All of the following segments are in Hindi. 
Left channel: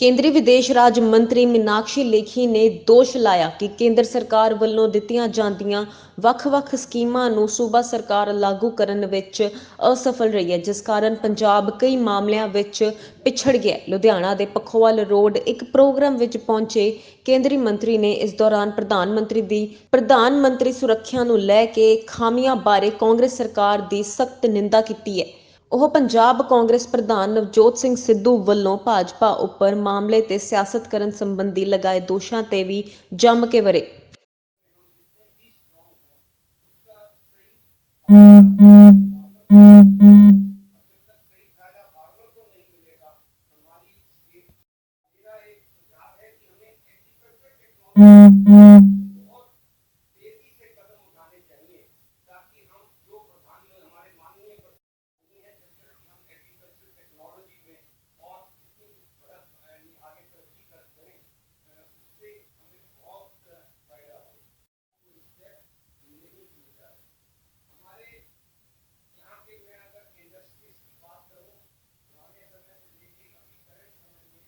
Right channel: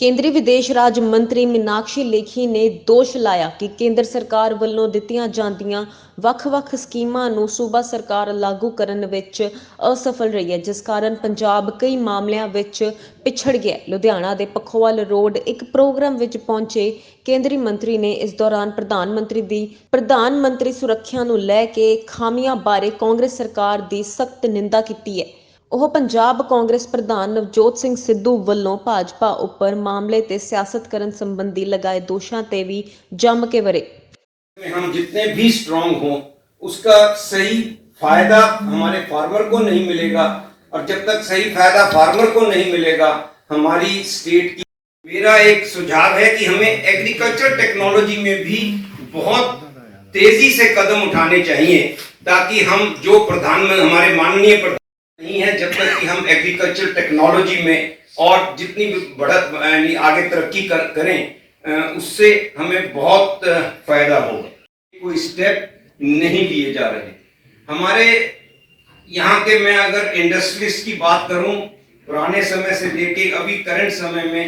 ਕੇਂਦਰੀ ਵਿਦੇਸ਼ ਰਾਜ ਮੰਤਰੀ ਮੀਨਾਕਸ਼ੀ ਲੇਖੀ ਨੇ ਦੋਸ਼ ਲਾਇਆ ਕਿ ਕੇਂਦਰ ਸਰਕਾਰ ਵੱਲੋਂ ਦਿੱਤੀਆਂ ਜਾਂਦੀਆਂ ਵੱਖ-ਵੱਖ ਸਕੀਮਾਂ ਨੂੰ ਸੂਬਾ ਸਰਕਾਰ ਲਾਗੂ ਕਰਨ ਵਿੱਚ ਅਸਫਲ ਰਹੀ ਹੈ, ਜਿਸ ਕਾਰਨ ਪੰਜਾਬ ਕਈ ਮਾਮਲਿਆਂ ਵਿੱਚ ਪਿਛੜ ਗਿਆ। ਲੁਧਿਆਣਾ ਦੇ ਪਖੋਵਾਲ ਰੋਡ ਇੱਕ ਪ੍ਰੋਗਰਾਮ ਵਿੱਚ ਪਹੁੰਚੇ ਕੇਂਦਰੀ ਮੰਤਰੀ ਨੇ ਇਸ ਦੌਰਾਨ ਪ੍ਰਧਾਨ ਮੰਤਰੀ ਸੁਰੱਖਿਆ ਨੂੰ ਲੈ ਕੇ ਖਾਮੀਆਂ ਬਾਰੇ ਕਾਂਗਰਸ ਸਰਕਾਰ ਦੀ ਸਖਤ ਨਿੰਦਾ ਕੀਤੀ ਹੈ। ਉਹ ਪੰਜਾਬ ਕਾਂਗਰਸ ਪ੍ਰਧਾਨ ਨਵਜੋਤ ਸਿੰਘ ਸਿੱਧੂ ਵੱਲੋਂ ਭਾਜਪਾ ਉੱਪਰ मामले ते सियासत करन संबंधी लगाए दोषां ते भी जम के वरे। हम जितने भी स्ट्रांग हों उसका सही फायदा हमारे फार्मर को नहीं मिलेगा, और जब तक सही फायदा फार्मर को नहीं मिलेगा हमारी स्टेट की। मेरा एक सुझाव है कि हमें एग्रीकल्चर टेक्नोलॉजी में भी बहुत तेजी से कदम उठाने चाहिए, ताकि हम जो हमारे माननीय प्रधान नहीं है, जब तक कि हम एग्रीकल्चर टेक्नोलॉजी में और जितनी भी बढ़त यानी आगे तरक्की करें उससे हमें बहुत फायदा होगा। कोई स्टेप नहीं लिए जा रहे हमारे यहाँ के। मैं अगर इंडस्ट्रीज की बात करूं, पुराने समय से लेके अभी करंट समय में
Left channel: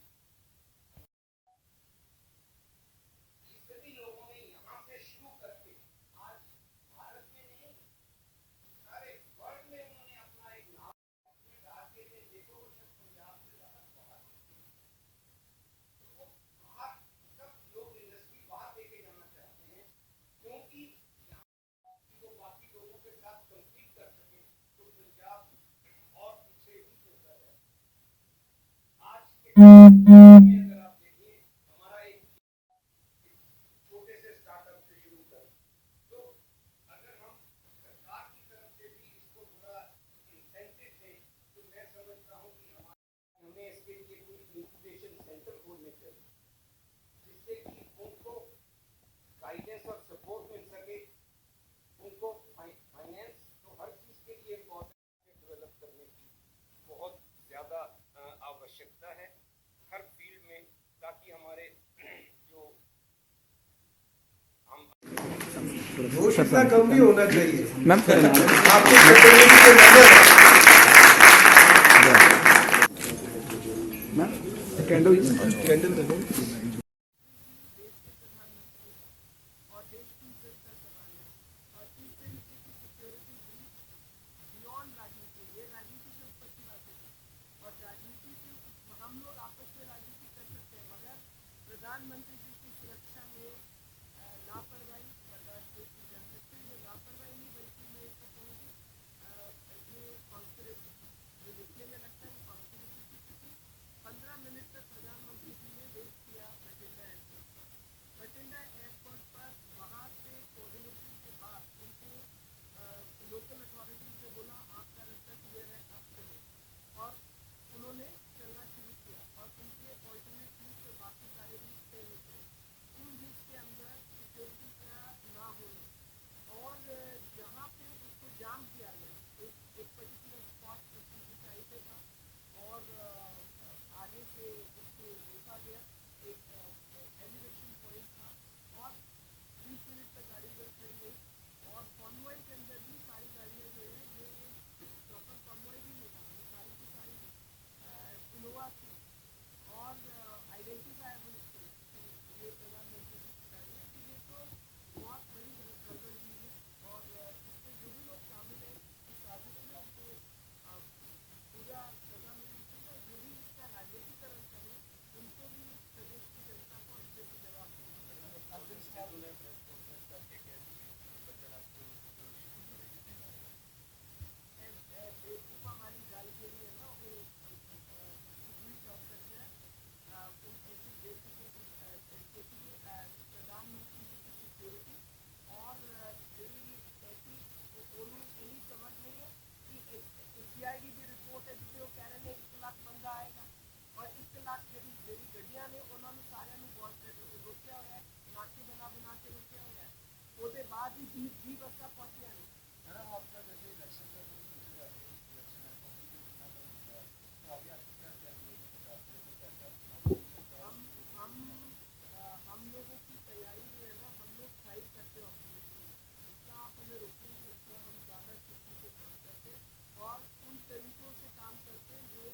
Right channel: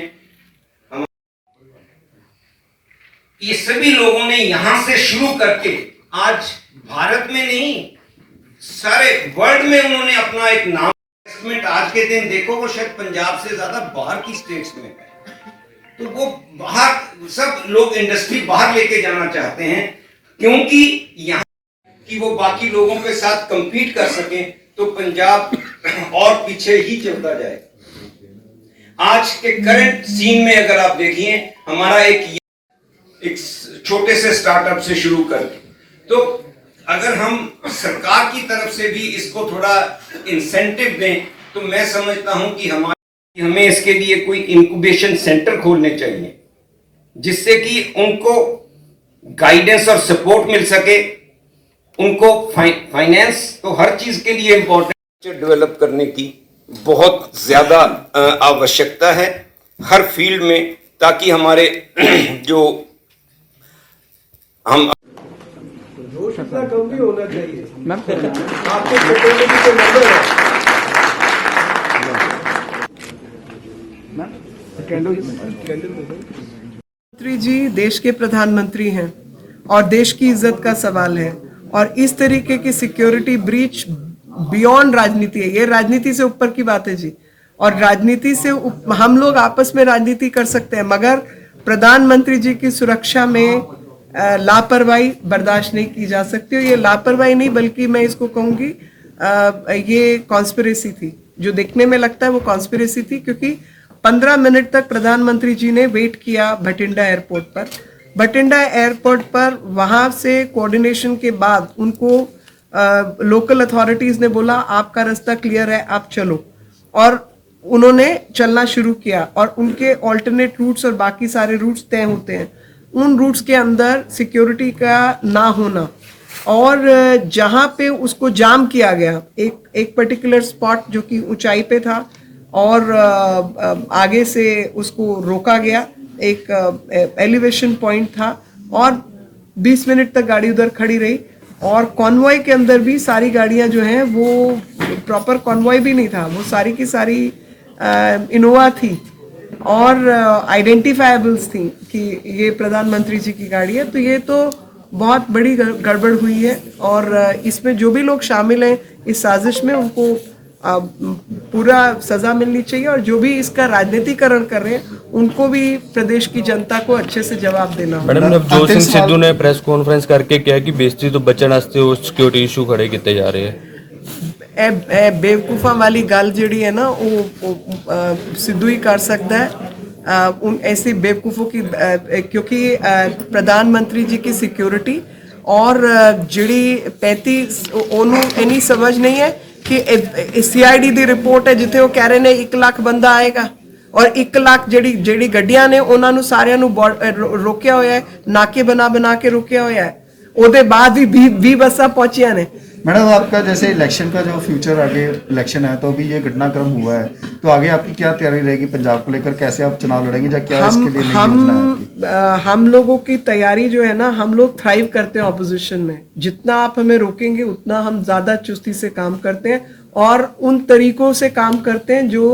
ये सभी लोगों ने यहाँ से शुरू करके आज भारत में नहीं सारे वर्ल्ड में उन्होंने अपना एक नाम। आज के दिन देखो वो शायद पंजाब से ज्यादा बाहर की स्टेट्स में है, तो वो बाहर सब लोग इंडस्ट्री बाहर लेके जाना चाहते हैं, क्योंकि यहाँ कि वो बाकी लोगों के साथ compete कर सकें, तो पंजाब और पीछे ही चलता जाए। आज के करंट सीन में अगर आप देखिए, हमारा एक छोटे से स्टार्टअप से शुरू करके, तो अगर हम सरकार की तरफ से भी इसको थोड़ा इंसेंटिव दें, तो मैं समझता हूं कि हमें इसके लिए कोई इंक्यूबेशन सेंटर खोलने चाहिए, जिससे कि उनको गाइडेंस और सपोर्ट मिल सके। उनको फाइनेंस तो हर चीज के लिए इंपॉर्टेंट डेवलप करने की बहुत ज्यादा आवश्यकता है हर फील्ड में, ताकि हमारे जो हम जोश इतना कम भी होना चाहिए। आपके टेक्नोलॉजी के नंबर है। मंत्री जी देश के प्रधानमंत्री हैं और देश की इज्जत का सवाल है, और इस तरीके की सिक्योरिटी ब्रीच बियॉन्ड राजनीति है। ये राजनीति से ऊपर की बात है जी, और राजनीति से हम लोग आपस में राजनीति कर सकते हैं, मगर प्रधानमंत्री जी की सुरक्षा में लापरवाही बर्दाश्त नहीं की जा सकती। और ये लापरवाही नहीं, बल्कि मैं इसको कहूंगी ये कॉन्स्पिरेसी थी। जो देखने में लगता है वो कॉन्स्पिरेसी थी, क्योंकि 15 मिनट तक प्रधानमंत्री जी ने वेट किया भटिंडा एयरपोर्ट पर। भटिंडा एयरपोर्ट पर वहां से कोऑर्डिनेशन के बाद उनको लोकल अथॉरिटीज ने बोला आपका रास्ता क्लियर है, आप चलो, और उन्होंने चलना शुरू किया। और उनके ऑल्टरनेट रूट्स और बाकी सारे रूट्स तय होते हैं, उन रूट्स के अंदर सिक्योरिटी का ना होना, और जहां पे उसको जाम किया गया एक पर्टिकुलर स्पॉट जो कि ऊंचाई पे था, और आगे से उसको रोका गया, एक एलिवेशन पॉइंट था, और 20 मिनट तक गाड़ी उधर खड़ी रही। और कॉन्वॉय के अंदर भी सारी गाड़ियां जो हैं वो प्रॉपर कॉन्वॉय भी नहीं था, वो सारी की सारी इनोवा थी और आइडेंटिफाइबल्स थी कि ये प्रधानमंत्री जी की गाड़ी है। तो ये तो बहुत बड़ी गड़बड़ हुई है, और इसमें जो भी लोग शामिल हैं इस साजिश में उनको पूरा सजा मिलनी चाहिए, और जो भी इसका राजनीतिकरण कर रहे हैं उनको भी प्रदेश की जनता को अच्छे से जवाब देना होगा। मैडम नवजोत सिंह सिद्धू ने प्रेस कॉन्फ्रेंस करके कहा कि बेइज्जती तो बचण वास्ते वो सिक्योरिटी इशू खड़े किए जा रहे हैं। बेवकूफा वाली गल जिहड़ी है ना वो सिद्धू ही कर सकता है। उन ऐसी बेवकूफ़ों की क्योंकि प्रधानमंत्री जी की सिक्योरिटी और जिहड़ी 35 ओनू इन्नी समझ नहीं है कि CID दी रिपोर्ट है जिथे वो कह रहे ने 1 लाख बंदा आएगा, और 1 लाख ਜਿਹੜੀ ਗੱਡੀਆਂ ਨੇ ਉਹਨਾਂ ਨੂੰ ਸਾਰਿਆਂ ਨੂੰ ਰੋਕਿਆ ਹੋਇਆ ਹੈ, ਨਾਕੇ ਬਣਾ ਕੇ ਰੋਕਿਆ ਹੋਇਆ ਹੈ। ਉਹਦੇ ਬਾਅਦ ਵੀ 20 ਬੱਸਾਂ ਪਹੁੰਚੀਆਂ ਨੇ। मैडम आपका जैसे इलेक्शन का जो फ्यूचर आगे इलेक्शन है, तो अभी ये घटनाक्रम हुआ है, तो आगे आपकी क्या तैयारी रहेगी पंजाब को लेकर, कैसे आप चुनाव लड़ेंगे या क्या इसके लिए हम लोगों की तैयारी जो है ना, हम लोग थ्राइव करते हैं ऑपोजिशन में। जितना आप हमें रोकेंगे उतना हम ज्यादा चुस्ती से काम करते हैं और उन तरीकों से काम करते हैं जो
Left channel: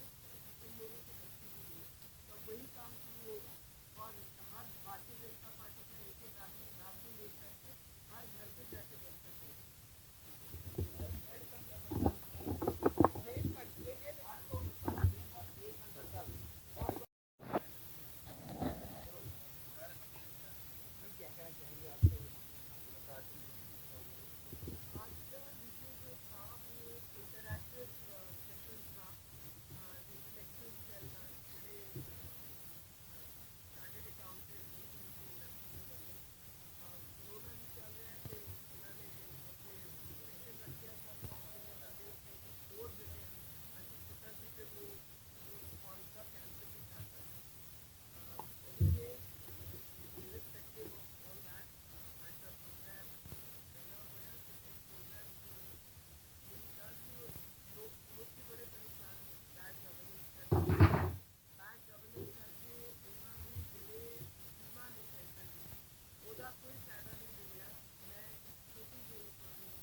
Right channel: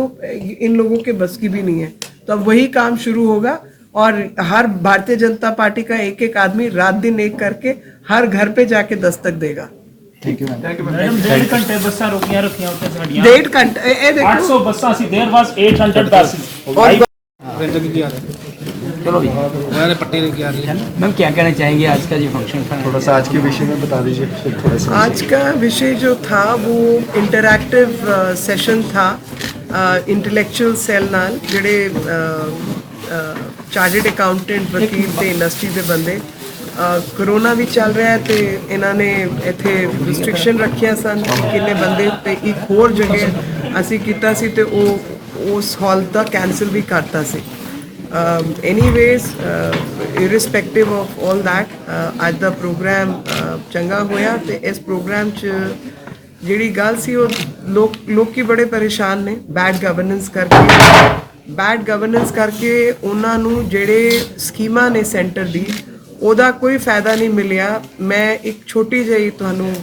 इन लोगों के बस की भी नहीं है। तो अब वही काम शुरू होगा और हर भारतीय जनता पार्टी का एक एक आदमी रात दिन एक करके हर घर पे जाके दस्तक देगा। Thank you ma'am. मैडम 1.5 घंटे बस्सां रुकियां उत्ते साडियां 1.5 घंटे ये देखो 800 बस्सां सी देयर वाज 800 buses और मैम क्या कहना चाहेंगे आज का जो फंक्शन था? थोड़ा सा आज के विषय में बता दीजिए थोड़ा सा। आज का विषय जो था वो इंटरैक्टिव सेशन था इंटेलेक्चुअल सेल नाल ਜਿਹੜੇ ਚਾਰਟਰਡ ਅਕਾਊਂਟੈਂਟ ਵਕੀਲ ਤੇ ਇੰਡਸਟਰੀ ਦੇ ਬੰਦੇ ਕੋਰੋਨਾ ਵੀ ਚੱਲ ਰਿਹਾ ਤੇ ਇਹਨਾਂ ਨੇ ਇੱਥੇ ਰਿਸਟ੍ਰਿਕਸ਼ਨ ਰੱਖਿਆ ਸਨ ਕਿੰਨੇ ਬੰਦੇ ਤੇ ਇੱਕ ਹੋਰ ਜਗ੍ਹਾ ਅਸੀਂ ਕੀਤਾ ਸੀ ਤੇ ਉਹ ਉਸ ਹਾਲ ਦਾ ਕੈਂਸਲ ਵੀ ਕਰਤਾ ਸੀ। anyways irrespective of all that ਅੱਜ ਦਾ ਪ੍ਰੋਗਰਾਮ ਚੰਗਾ ਹੋਇਆ ਤੇ ਇਸ ਪ੍ਰੋਗਰਾਮ 'ਚ ਜਿਹੜੀ ਗੱਲ ਸੀ ਉਹ ਲੋਕੀ ਬੜੇ ਪਰੇਸ਼ਾਨ ਨੇ ਬੈਡ ਗਵਰਨੈਂਸ ਕਰਕੇ ਉਹਨਾਂ ਨੂੰ ਜਿਹੜੇ ਸਕੀਮਾਂ ਨੇ ਸੈਂਟਰ ਦੀ ਉਹਦਾ ਕੋਈ ਫਾਇਦਾ ਨਹੀਂ ਮਿਲਿਆ। ਮੈਂ ਇੱਕ ਛੋਟੀ ਜਿਹੀ ਤੁਹਾਨੂੰ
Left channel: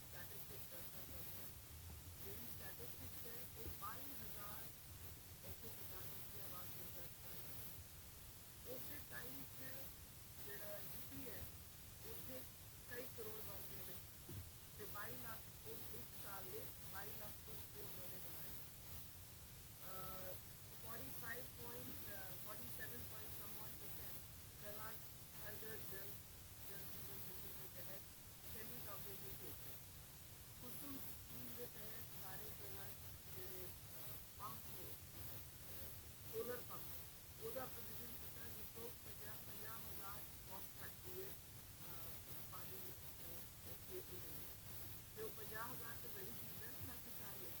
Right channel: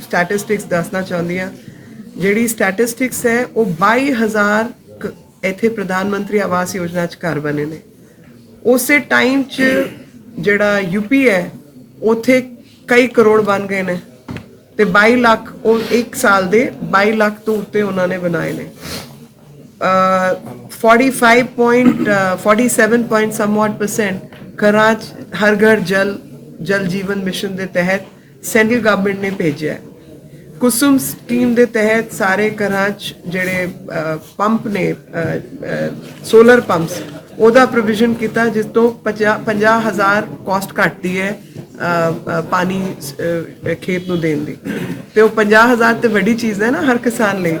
ਸਟੈਟਿਸਟਿਕਸ ਦੱਸਣਾ ਚਾਹੁੰਦੀ ਹਾਂ। ਜਿਹੜੀ ਸਟੈਟਿਸਟਿਕਸ ਹੈ ਉਹ 22,000 ਇੱਥੇ ਪ੍ਰਧਾਨ ਮੰਤਰੀ ਆਵਾਸ ਯੋਜਨਾ 'ਚ ਘਰ ਬਣੇ ਨੇ। ਉਸੇ ਟਾਈਮ 'ਚ ਜਿਹੜਾ ਯੂਪੀ ਹੈ ਉੱਥੇ ਕਈ ਕਰੋੜ ਬਣ ਗਏ ਨੇ ਤੇ 22 ਲੱਖ ਉਹ ਇੱਕ ਸਾਲ ਦੇ 22 ਲੱਖ ਤੋਂ ਉੱਤੇ ਉਹਨਾਂ ਨੇ ਬਣਾਏ ਨੇ। 47% ਘਰਾਂ 'ਚ ਹਰ ਘਰ ਜਲ ਜੀਵਨ ਮਿਸ਼ਨ ਦੇ ਤਹਿਤ ਸੈਂਟਰਲ ਗਵਰਨਮੈਂਟ ਨੇ ਭੇਜਿਆ। ਕੁਸੁਮ ਸਕੀਮ ਦੇ ਤਹਿਤ ਸਾਰੇ ਘਰਾਂ 'ਚ ਜਿਹੜੇ ਪੰਪ ਨੇ ਸੋਲਰ ਪੰਪਸ ਉਹਦਾ ਪ੍ਰੋਵੀਜ਼ਨ ਕੀਤਾ ਜਿਸ ਤੋਂ 50,000 ਕਾਸਟ ਘਟਦੀ ਹੈ ਪਾਣੀ ਖੇਤ ਨੂੰ ਦੇਣ ਦੀ ਤੇ ਉਹ 50,000 ਤੇ ਵੱਡੀ ਚੀਜ਼ ਹੈ ਨਾ ਹਰ ਕਿਸਾਨ ਲਈ।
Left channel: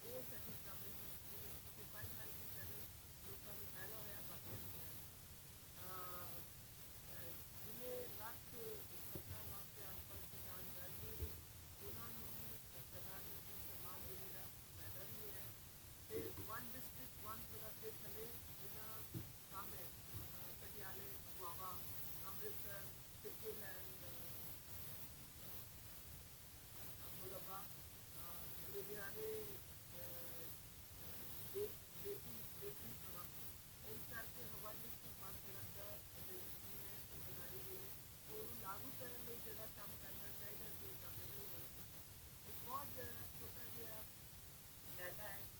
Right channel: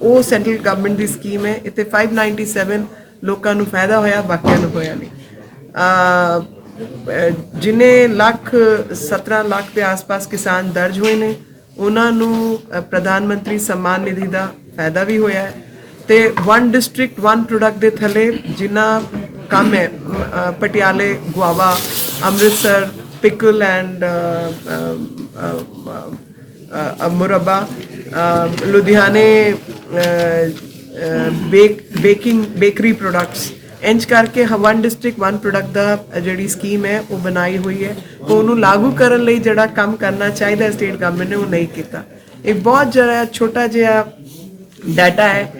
ਉਹ ਸੈਂਟਰਲ ਗਵਰਨਮੈਂਟ ਦੀ ਸਕੀਮ ਹੈ। ਇੱਥੇ 597 ਲੋਕਾਂ ਨੂੰ ਫਾਇਦਾ ਹੋਇਆ ਬਾਕੀਆਂ ਨੂੰ ਹੋਇਆ ਨਹੀਂ। ਜਿੰਨੇ 17 ਲੱਖ ਦੇ ਆਸ-ਪਾਸ ਕਿਸਾਨ ਦਰਜ ਹੋਏ ਨੇ ਉਹਨਾਂ ਨੂੰ ਪ੍ਰਧਾਨ ਮੰਤਰੀ ਸਨਮਾਨ ਨਿਧੀ ਦਾ ਫਾਇਦਾ ਵੀ ਹੋਇਆ ਹੈ ਤੇ 1 ਡਿਸਟ੍ਰਿਕਟ 1 ਪ੍ਰੋਡਕਟ ਦੇ ਥੱਲੇ ਜਿੰਨਾ ਕੰਮ ਹੈ ਪਟਿਆਲੇ ਗੁਆਵਾ ਅੰਮ੍ਰਿਤਸਰ ਪਿਕਲ ਐਂਡ ਮੁਰੱਬਾ ਲੁਧਿਆਣੇ ਬੇਕਰੀ ਪ੍ਰੋਡਕਟਸ ਇੰਜ ਕਰਕੇ 1 ਡਿਸਟ੍ਰਿਕਟ 1 ਪ੍ਰੋਡਕਟ ਦਾ ਜਿਹੜੀ ਸਕੀਮ ਹੈ ਉਹ ਬਣਾਈ ਹੋਈ ਹੈ। ਉਹਨੂੰ ਲਾਗੂ ਕਰਨ ਲਈ ਜਿਹੜਾ ਕੰਮ ਕਰਨਾ ਚਾਹੀਦਾ ਸਟੇਟ ਗਵਰਨਮੈਂਟ ਨੇ ਉਹ ਨਹੀਂ ਕੀਤਾ। ਇੱਕ ਬਹੁਤ ਜਿਹੜਾ ਛੋਟਾ ਜਿਹਾ ਡਾਟਾ ਹੈ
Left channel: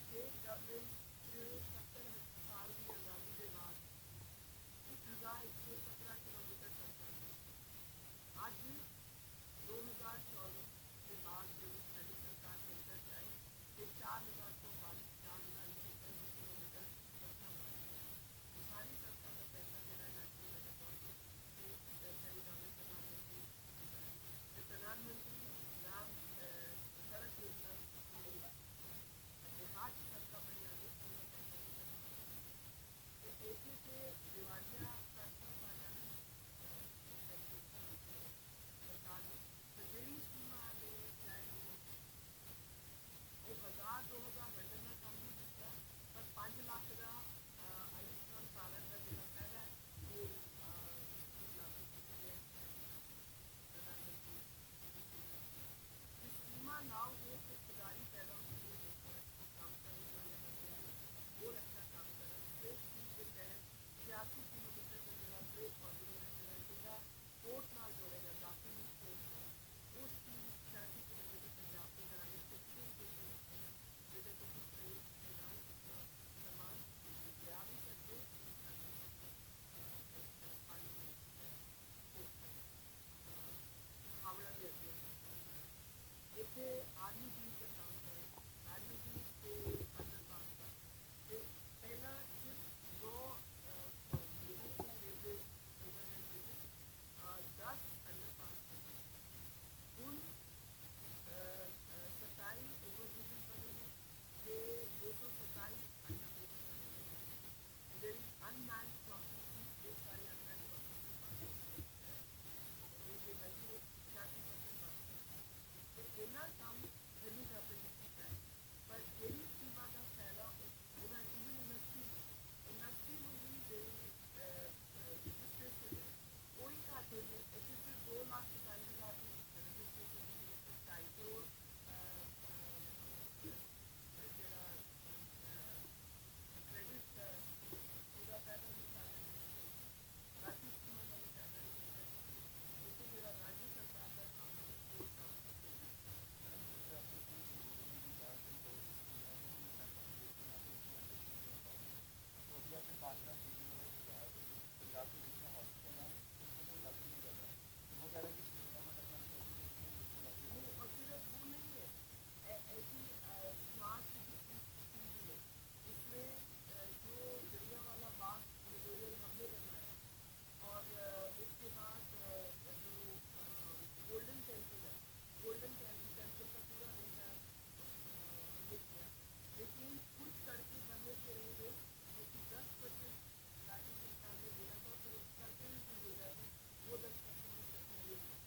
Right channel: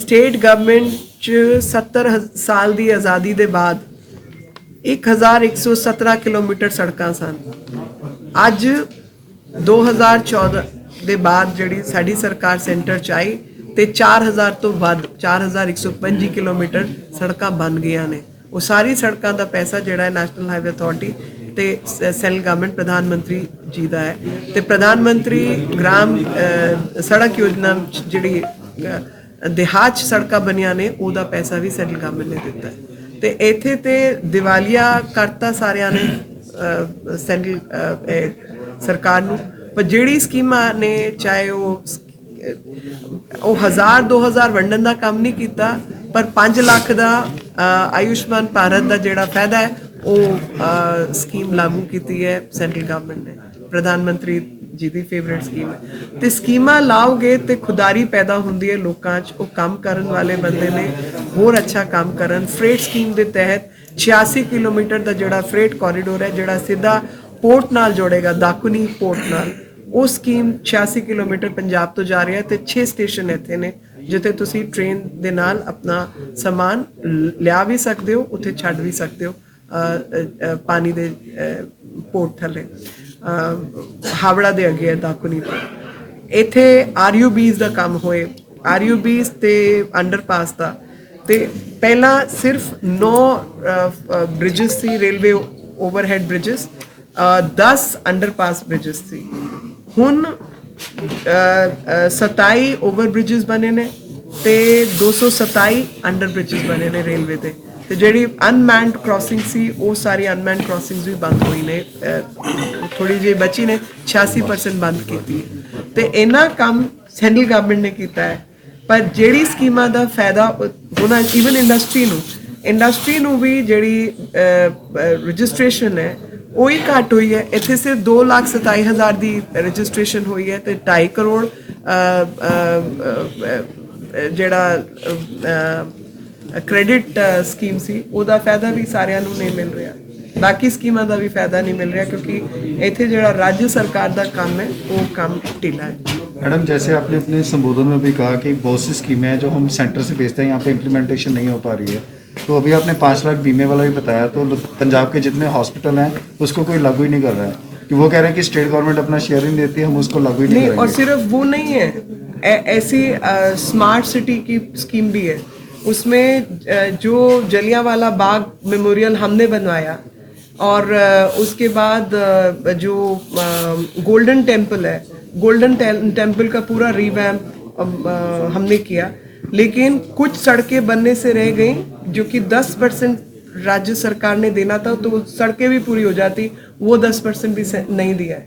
ਸਟੇਟ ਗਵਰਨਮੈਂਟ 'ਚ 70 ਸਾਲ ਦੀ ਆਜ਼ਾਦੀ ਦੇ ਬਾਅਦ 1117 ਕਿਲੋਮੀਟਰ ਸੜਕਾਂ ਸਨ। ਅੱਜ 2014 ਦੇ ਬਾਅਦ ਜਿਹੜੀ ਸਾਡੀ ਸਰਕਾਰ ਸੈਂਟਰ 'ਚ ਆਈ ਤੇ 4000 ਤੋਂ ਵੱਧ 4125 ਕਿਲੋਮੀਟਰ ਸੜਕਾਂ ਬਣ ਗਈਆਂ ਨੇ। ਉਹ ਸਾਰੀ ਸੜਕਾਂ ਦਾ ਪੈਸਾ ਜਿਹੜਾ ਹੈ ਨੈਸ਼ਨਲ ਹਾਈਵੇ ਅਥਾਰਟੀ ਤੇ ਸੈਂਟਰਲ ਗਵਰਨਮੈਂਟ ਪ੍ਰਧਾਨ ਮੰਤਰੀ ਜੀ ਦਾ ਹੈ ਤੇ ਪ੍ਰਧਾਨ ਮੰਤਰੀ ਗ੍ਰਾਮ ਸੜਕ ਯੋਜਨਾ ਜਿਹੜੀ ਦਿਹਾਤ 'ਚ ਸੜਕਾਂ ਬਣੀਆਂ ਨੇ ਉਹਦਾ ਪੈਸਾ ਵੀ ਸੈਂਟਰਲ ਗਵਰਨਮੈਂਟ ਨੇ ਦਿੱਤਾ ਹੈ ਤੇ ਇੱਥੇ ਤੇ ਦਿਵਾਲੀਆ ਕਰਤਾ ਸਾਰਿਆਂ ਨੇ ਸੈਂਟਰਲ ਸਰਕਾਰ ਨੂੰ। ਪਰ ਜਿਹੜੀ ਸਕੀਮਾਂ ਨੇ ਚਾਹੇ ਉਹ 1000-2000 ਵੰਡਣ ਦਾ ਕੰਮ ਨਹੀਂ ਕੀਤਾ ਪਰ 5 ਲੱਖ ਦਾ ਆਯੁਸ਼ਮਾਨ ਭਾਰਤ ਦਾ ਜਿਹੜਾ ਫਾਇਦਾ ਹੈ ਉਹ ਸਕੀਮ ਲਾਗੂ ਕੀਤੀ ਹੈ ਸੈਂਟਰਲ ਗਵਰਨਮੈਂਟ ਨੇ। ਪ੍ਰਧਾਨ ਮੰਤਰੀ ਜੀ ਦੀ ਫੇਵਰੇਟ ਸਕੀਮ ਹੈ ਤੇ ਸਕੀਮਾਂ ਲਾਓਗੇ ਤੇ ਖੁਦਾਰੀ ਪੈਦਾ ਹੁੰਦੀ ਹੈ ਲੋਕਾਂ 'ਚ। ਉਹ ਕੰਮ ਕਰਨ ਵਾਲੇ ਬੰਦੇ ਨੇ ਹੋਰ ਅੱਛਾ ਕੰਮ ਕਰਨ। ਫਰੇਟ ਸਕੀਮ ਦੇ ਤਹਿਤ 86 ਕਿਲੋਮੀਟਰ ਦਾ ਜਿਹੜਾ ਫਰੇਟ ਕੋਰੀਡੋਰ ਹੈ ਜਿਹੜਾ ਸਿੱਧਾ ਪੋਰਟ ਨਾਲ ਜੋੜੇਗਾ ਦਾਕੂਨੀ ਪੋਰਟ ਨਾਲ ਉਹ ਸਕੀਮ 86 ਕਿਲੋਮੀਟਰ ਪੰਜਾਬ ਤੋਂ ਜਾ ਰਹੀ ਹੈ ਤੇ 6 ਸਟੇਸ਼ਨ ਇੱਥੇ ਨੇ ਜਿੱਥੇ ਤੁਸੀਂ ਟ੍ਰੇਨ ਦੇ ਨਾਲ ਆਪਣਾ ਸਮਾਨ ਲਿਆ ਵੀ ਸਕਦੇ ਹੋ ਉੱਥੇ ਛੱਡ ਵੀ ਸਕਦੇ ਹੋ ਪਾਣੀ ਦੇ ਪੋਰਟ ਥੱਲੇ ਹਾਵੜਾ ਦੇ ਅੱਗੇ ਹੈ ਦਾਕੂਨੀ ਪੋਰਟ। ਇੱਥੇ ਆਰਯੂਬੀਜ਼ ਦਾ ਕੰਮ ਹੋਏ ਆਰਯੂਬੀਜ਼ ਤੇ ਅੰਡਰਪਾਸ ਦਾ ਤੇ ਪਹਿਲਾਂ ਸਿਰਫ 9 ਬ੍ਰਿਜਸ ਸੀ railway overhead bridges 10 underpass bridges ਸੀ। ਹੁਣ 27 ਓਵਰ ਬ੍ਰਿਜਸ ਬਣੇ ਨੇ ਤੇ 227 ਅੰਡਰ ਬ੍ਰਿਜਸ ਬਣੇ ਨੇ ਰੇਲਵੇ ਦੇ ਤੇ ਜਿਹੜੀ ਅਨਮੈਨਡ ਕ੍ਰਾਸਿੰਗ ਸੀ ਉਹ ਸਾਰੀ ਅਨਮੈਨਡ ਕ੍ਰਾਸਿੰਗਸ ਵੀ ਬੰਦ ਹੋਈ ਨੇ। ਥੋੜੀ ਜਿਹੀ ਬਚੀ ਨੇ 86% ਬੰਦ ਕੀਤੀ ਹੈ ਤੇ ਇਹਨਾਂ ਕੰਮ ਸੈਂਟਰਲ ਗਵਰਨਮੈਂਟ ਨੇ ਕੀਤਾ ਹੈ। ਪਰ ਜਿਹੜੀ ਸਕੀਮਾਂ ਦਾ ਫਾਇਦਾ ਹੋਣਾ ਈਵਨ ਇੰਡਸਟਰੀ ਨੂੰ ਵੀ ਜਿਹੜੀ ਰਜਿਸਟ੍ਰੇਸ਼ਨ ਹੈ ਉਹੀ ਘੱਟ ਹੋਈ ਹੈ। ਇੱਥੇ ਸਿਰਫ 2,27,000 ਦੀ ਰਜਿਸਟ੍ਰੇਸ਼ਨ ਹੋਈ ਹੈ ਤੇ 2.5 ਕਰੋੜ ਜਿਹੜਾ ਕ੍ਰੈਡਿਟ ਸਕੀਮ ਸੀ ਉਹਦਾ ਫਾਇਦਾ ਵੀ ਸਾਰਿਆਂ ਨੂੰ ਨਹੀਂ ਮਿਲ ਰਿਹਾ, ਬਾਕੀ ਸਕੀਮਾਂ ਦਾ ਵੀ ਫਾਇਦਾ ਨਹੀਂ ਮਿਲ ਰਿਹਾ क्योंकि ਇੱਥੇ ਜਿਹੜਾ राज्य सरकार ਦਾ ਕੰਮ है वो काम ढीला है। मैडम जैसे आपने अपने संबोधन में भी कहा कि बहुत सी स्कीमें हैं जो हम सेंटर से भेजते हैं, यहाँ पे इम्प्लीमेंटेशन नहीं हो पा रही है, तो अभी आपने 5 लाख बीमे वाला भी बताया, तो पंजाब के जितने हॉस्पिटल हैं उसको कोई लागू ही नहीं कर रहा है कि वो कह रहे हैं कि स्टेट गवर्नमेंट अपना शेयर ही नहीं देती है, हम उसको लागू ही नहीं और करेंगे। सिर्फ वो नहीं है, ऐसी स्मार्ट सिटी की स्कीम भी है, उसमें जो जलियांवाला बाग मेमोरियल हमने बनवाया और उसके बाद जो गोल्डन टेम्पल है, गोल्डन टेम्पल का पूरा रिवैम्प हमने किया, लेकिन कुछ सड़कें बनने से रह गई जो कि 10% राज्य सरकार ने देना था, तो सड़कें भी पूरी हो जाती, वो 10% भी नहीं दिया है।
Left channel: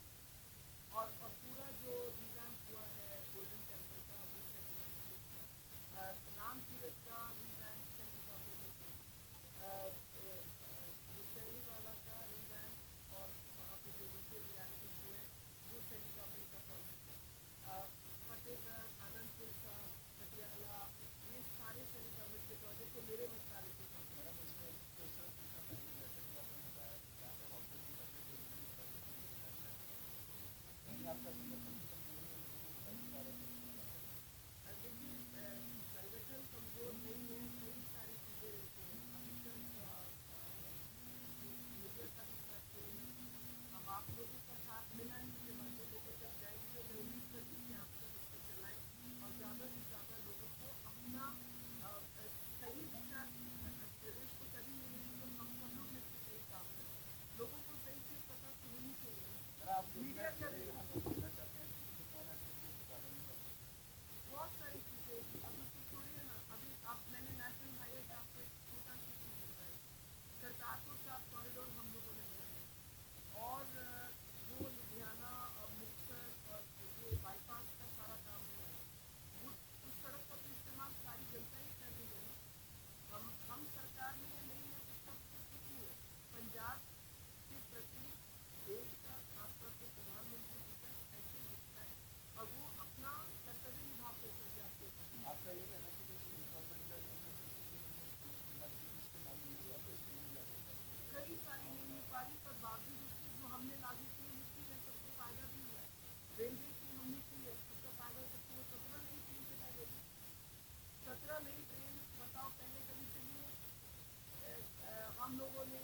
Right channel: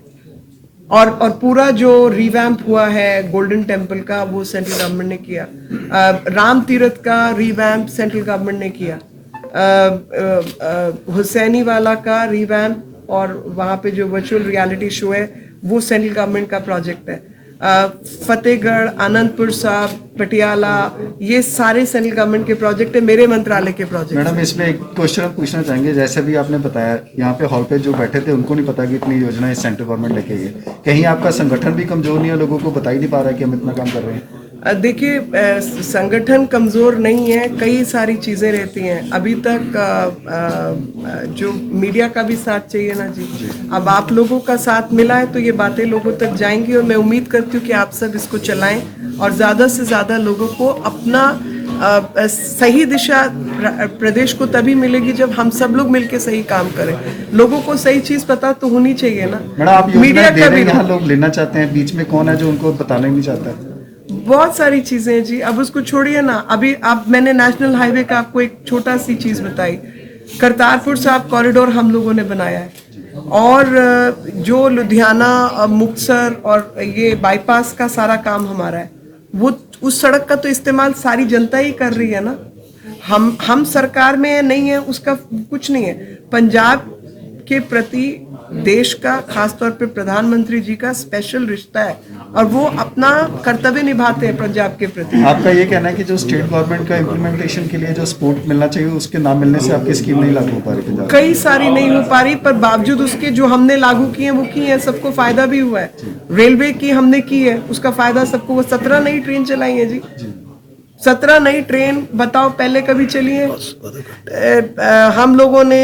और पूरा जो रिवैम्प हुआ है गोल्डन टेम्पल का वो सेंट्रल गवर्नमेंट ने किया, राम तीर्थ का रिवैम्प सेंट्रल गवर्नमेंट ने किया, हुसैनी वाला का रिवैम्प और वहाँ पे जो वर्चुअल रियलिटी शो है वो सेंट्रल गवर्नमेंट का प्रोजेक्ट है। फतेहगढ़, आनंदपुर साहब, पटियाला, ये सारे सेंट्रल गवर्नमेंट के प्रोजेक्ट है, मेरे मंत्रालय के प्रोजेक्ट। मैडम इसमें एक क्वेश्चन पूछना चाहेंगे, जैसे भी आपने बताया यहाँ पे हॉल पे जो बैठे थे उनको नहीं पता कि इतनी योजनाएं सेंट्रल गवर्नमेंट लेके गई, कहीं आपका संगठन भी कमजोर नहीं है, लोगों को बता ही नहीं पा रहा है कि हम इतना काम कर रहे हैं? देखिए, संगठन कमज़ोर नहीं है, कई सारी चीज़ें रहती हैं। अभी तक जो मीडिया का भी साथ चाहिए ना जी, अब आप लोगों का साथ मिला है तो ये बातें लोगों तक जाएंगी और मैं उम्मीद करती हूँ कि आप सब इसको चलाएं और ज़्यादा से ज़्यादा लोगों को अपना सही दिशा प्रदेश को तभी मिलेगी जब हम सब लोग मिलके सही काम करें। लोगों को सही चीज़ पता तो होनी चाहिए ना। मैडम आप मीडिया दे का रहे भी हैं, यहाँ लोग लेना चाहते हैं, बीच में कौन है जो उनको बताना ही नहीं चाहता है? बहुत सारी चीजें हैं जी, अब उसको छोड़िए ना। अभी आप मैंने नेशनल हाईवे का आपको एक छोटा सी चीज बताई, करतारपुर साहब कॉरिडोर हम लोगों ने बनाया है और जो लुधियाना मुक्तसर और ये बाईपास का सारा काम हमारा है, वो उस सड़क का तो इस्तेमाल सारी जनता ही कर रही है ना। हम सरकार में नहीं है उसका कुछ नहीं है। पंजाब के प्रति देश का, खासतौर पे प्रधानमंत्री जी का स्पेशल रिश्ता है और वो अपना कर्तव्य निभाते हैं पंजाब के प्रति। आपका ये कहना है कि जो स्टेट गवर्नमेंट का इम्प्लीमेंटेशन के लिए जो सपोर्ट मिलना चाहिए उसके ना मिलने से आपकी स्कीम नहीं लागू हो पा रही पंजाब? कई सारी नहीं हो पा रही, पर बावजूद उसके जो हमने लागू किए वो की है, सबको फायदा भी हुआ है। रेलवे की हमने की है, उसका फायदा सबको, वो 17 नई ट्रेन चलाई है जी, 17 नई ट्रेन बताओ पहले कभी चली है? हम लोगों ने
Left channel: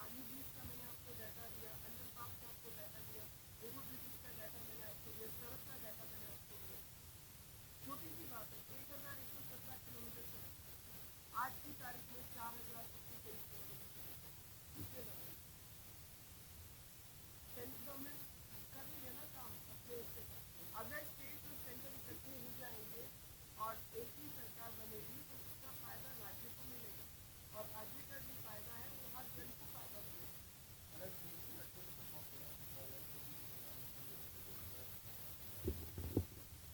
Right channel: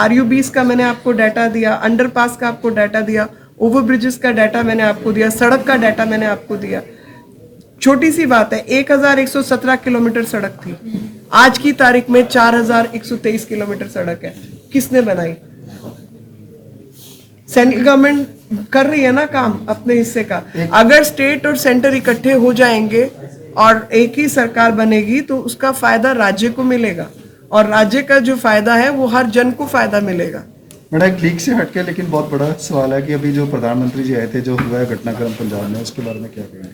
RU20 का मैंने आपको डाटा दिया, अंडरपास का आपको डाटा दिया, ओवर ब्रिजेस का डाटा मैंने आपको दिया, सड़क का डाटा मैंने आपको दिया। छोटी सी बात है, 1117 किलोमीटर सड़क थी, आज की तारीख में 4123 किलोमीटर सड़क है। किसने बनाई? सेंट्रल गवर्नमेंट कर रही है ना काम अपने हिस्से का। अगर स्टेट और सेंटर इकट्ठे हो जाएंगे और एक ही सरकार बनेगी तो उसका फायदा राज्य को मिलेगा और राज्य का जो फायदा है वो हर जन को फायदा मिलेगा। मैडम एक लीक से हटके लेकिन बहुत बड़ा सवाल है कि अभी जो प्रधानमंत्री जी आए थे, जो हुआ है घटनाक्रम पंजाब में, उसके बारे में क्या कहेंगे?